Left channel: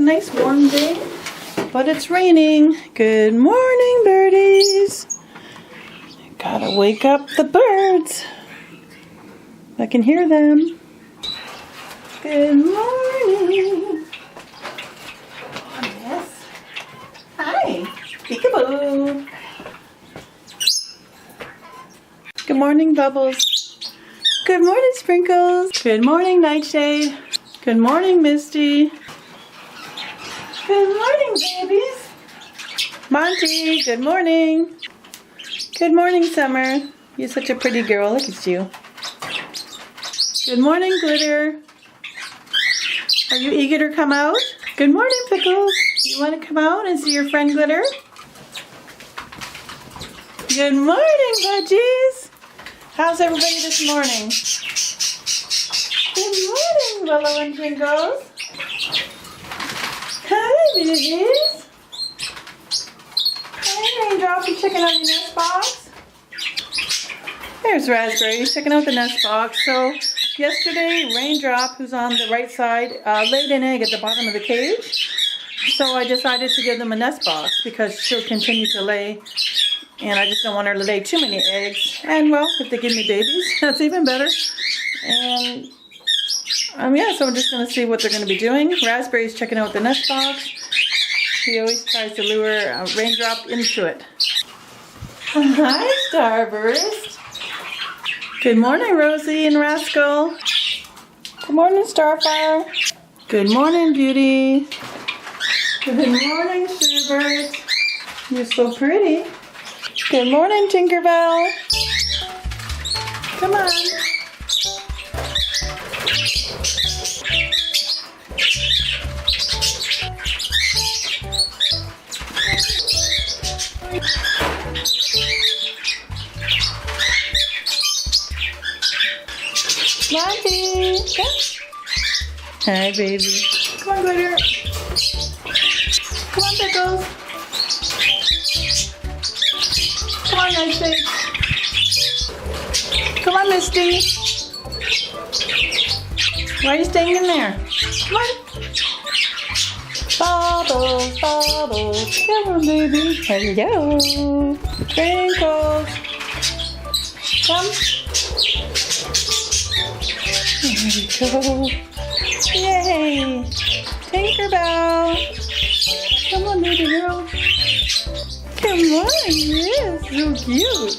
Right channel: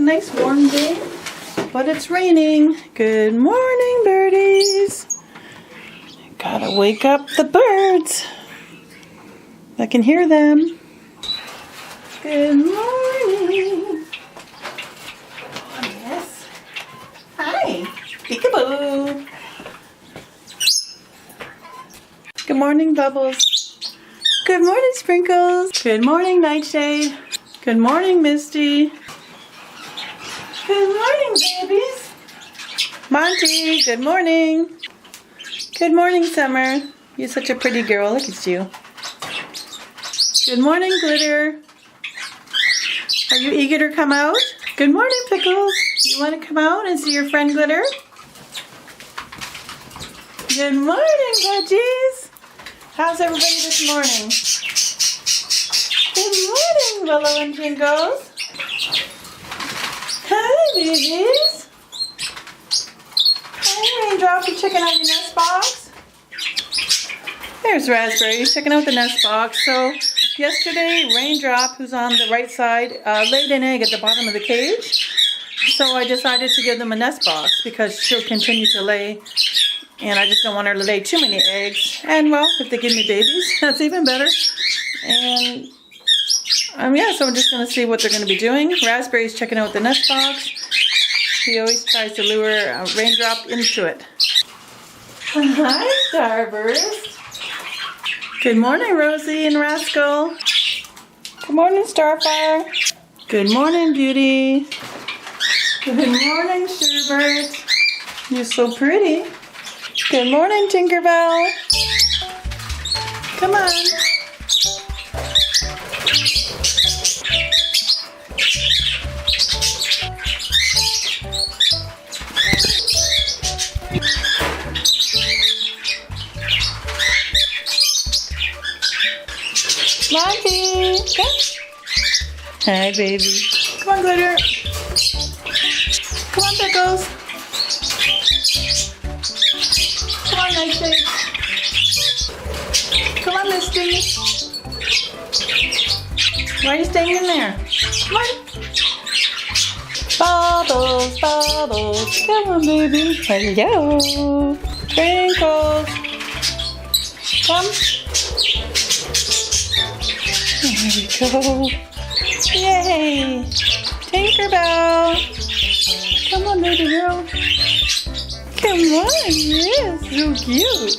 a nice warm day, but it's raining. Good morning, birdies. Gotta wake up the birds. I can hear them. Good morning. Oh, yes. Hi. Peekaboo. Good morning, Bubbles. Good morning, Sprinkles. Good morning, Nightshade. Good morning, Misty. Good morning, babies. Monty, good morning. Good morning, Summer. You're such a pretty girl. Look at you. Good morning, Glitter. Are you eager to come out? Good morning, Pickles. You want to come out and see your friend Glitter? Good morning, Budgies. How's everybody this morning? Good morning, Willow and Twinkles. Hi, babies. Hi, Raindrop. You checking out your nest box? There's Raspberry. He's checking out the nest box. So yesterday, Raindrop, who's on the right side, laid an egg at the bottom of the cage. So I decided to give them a nest box because she'll continue to lay. And I just don't want her to lay too many eggs. And well, if they give me babies, that's even better. And yeah, so I'm just going to see what they're going to be doing. Raspberry's checking out the nest box. He always tries to lure a Raindrop into it. Hi, Starburst. Good morning, Rosie and Rascal. Good morning, Starfire. Good morning, Beauty. Good morning, Sherbert. You're so pretty. Good morning, Tinkerbell. Come on. Monty, come. Hi, baby. Come on, Glitter. Come on, Pickles. Come on, Nightshade. Come on, Misty. Why are you staying in there? Come on. Bubbles, Bubbles. Come on, baby. Hello. Twinkles. Come. There we go. Yay! Tinkerbell! Come on, baby girl. Come on, yes, so cute.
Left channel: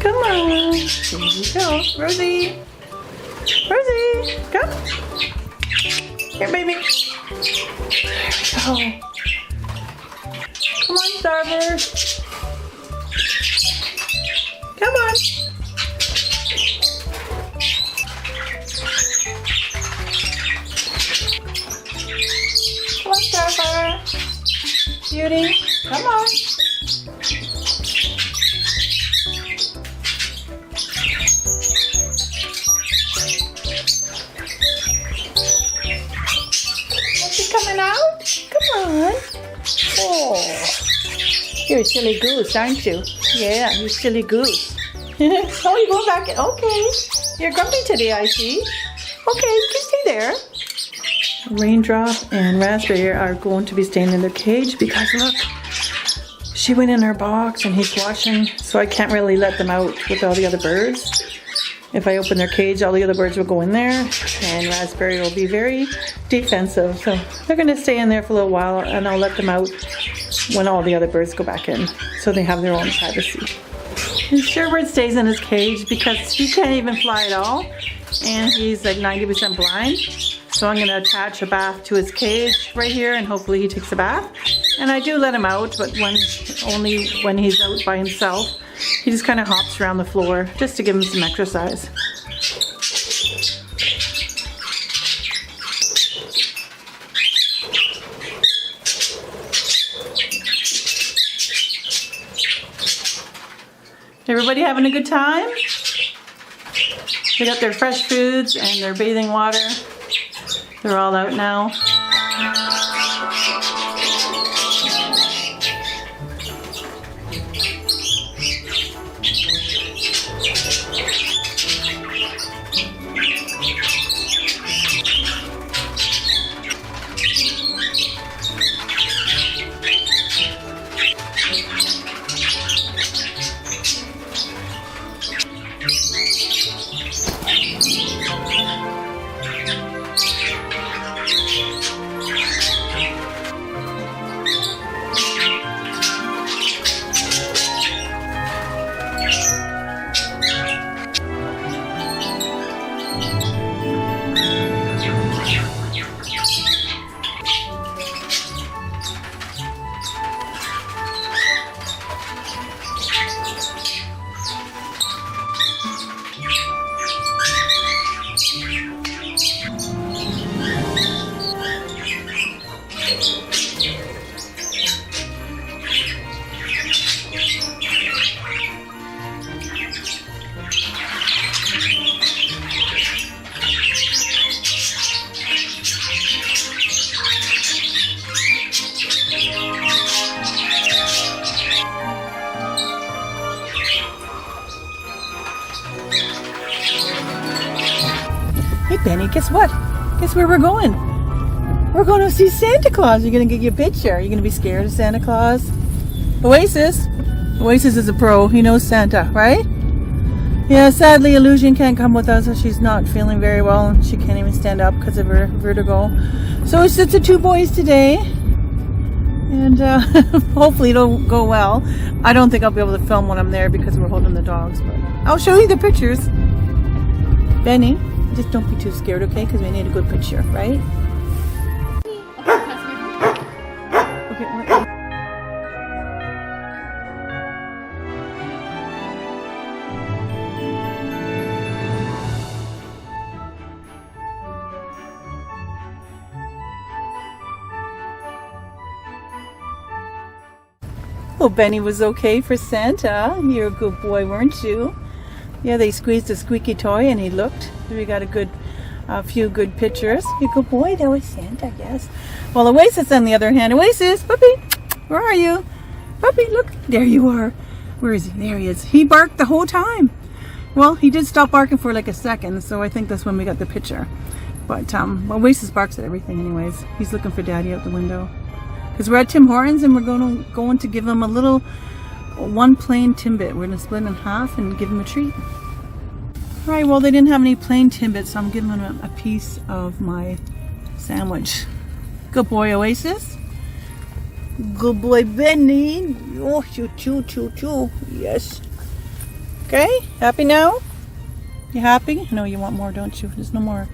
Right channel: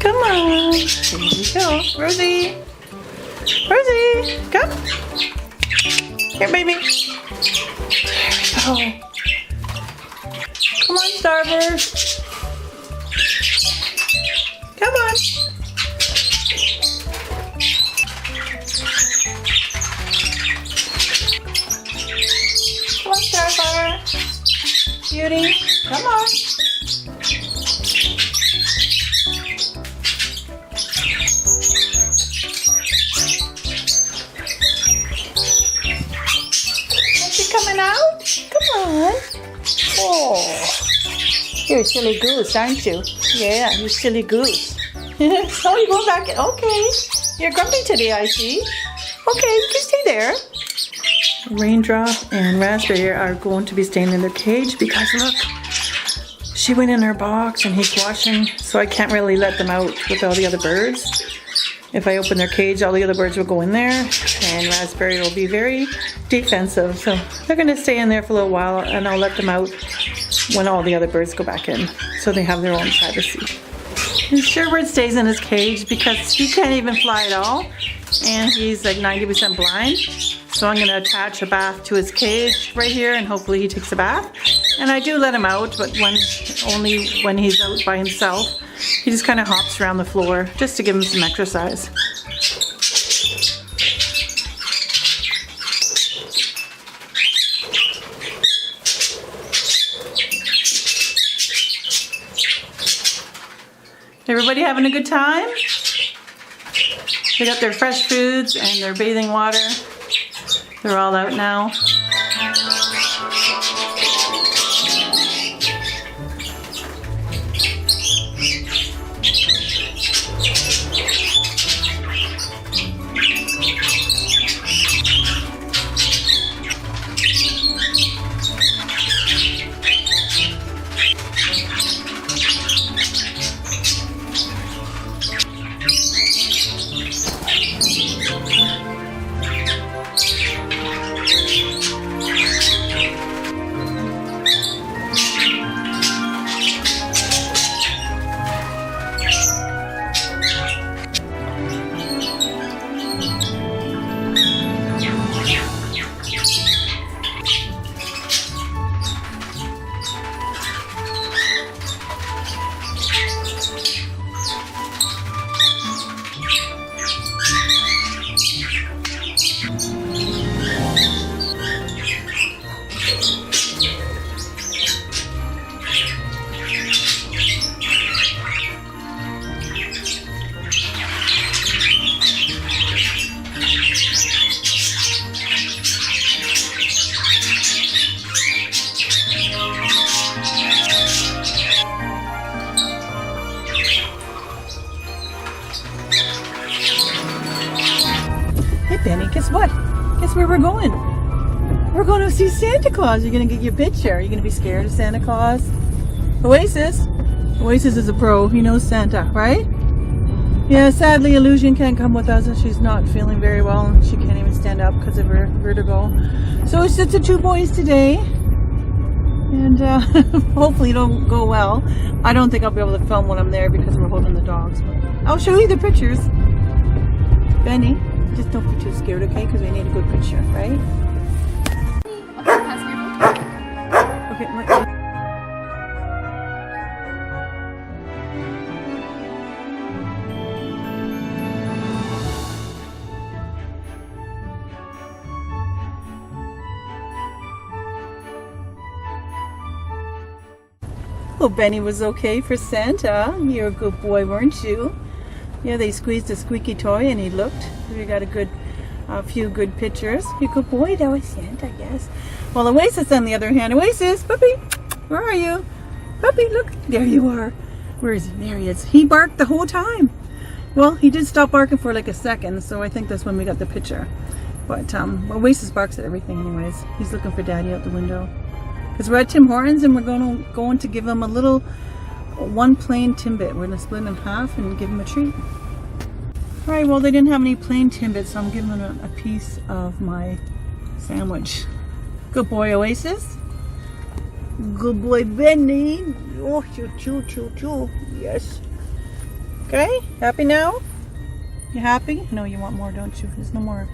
Come on. There we go. Rosie! Rosie! Come! Here, baby. There we go. Come on, Starburst. Come on. Come on, Starfire. Beauty, come on. Is she coming out? Come on. Oh, you're a silly goose, aren't you? Yeah, you silly goose. Oh, you're going back in. Okay. You're grumpy today, I see. Okay, you can stay there. Raindrop and Raspberry are going to be staying in their cage because look, she went in her box and he's watching, so I can't really let them out with all the other birds. If I open their cage, all the other birds will go in there and Raspberry will be very defensive. So they're going to stay in there for a little while and I'll let them out when all the other birds go back in so they have their own privacy. And Sherbert stays in his cage because he can't even fly at all and he's like 90% blind. So I'm going to attach a bath to his cage right here and hopefully he takes a bath. And I do let him out, but only when he's out by himself. He just kind of hops around the floor just to give him some exercise. Everybody having a good time? They got their fresh foods and their bathing water. They're all out now. Hey, Benny, guess what? Guess where we're going? We're going to see Santa Claus. You're going to get your picture. Are you going to be scared of Santa Claus? Oasis. Oasis is a pro. He knows Santa, right? Yeah, sadly, Illusion can't come with us. She's not feeling very well, and she can't even stand up because of her vertigo. So it's just the two boys today. And hopefully it'll go well. I don't think I'll be able to film when I'm there because we're holding the dogs. But I'll show you the pictures. Benny, just don't be too scared, okay? Because we need a good picture, right? Okay, what? Oh, Benny was okay for Santa. You're a good boy, weren't you? Yeah, they squeezed a squeaky toy and he looked. We got a few good pictures. You're a good boy. That was Santa, yes. Well, Oasis on the other hand. Oasis, puppy, where are you? Puppy, look. There you are. Where is he? There he is. He barked the whole time. Well, he did stop barking for like a second, so I think that's when we got the picture. But Oasis barks at everything anyways. He's looking for Daddy out the window. Because we're at Tim Hortons and we're going to give him a little one plain Timbit. We're going to split him in half and give him a treat. Alright, well they didn't have any plain Timbits, so I'm giving him a piece of my sandwich. Good boy, Oasis. Good boy, Benny. Oh, choo. Yes. Okay, happy now? You happy? No, you want more, don't you? There's no more.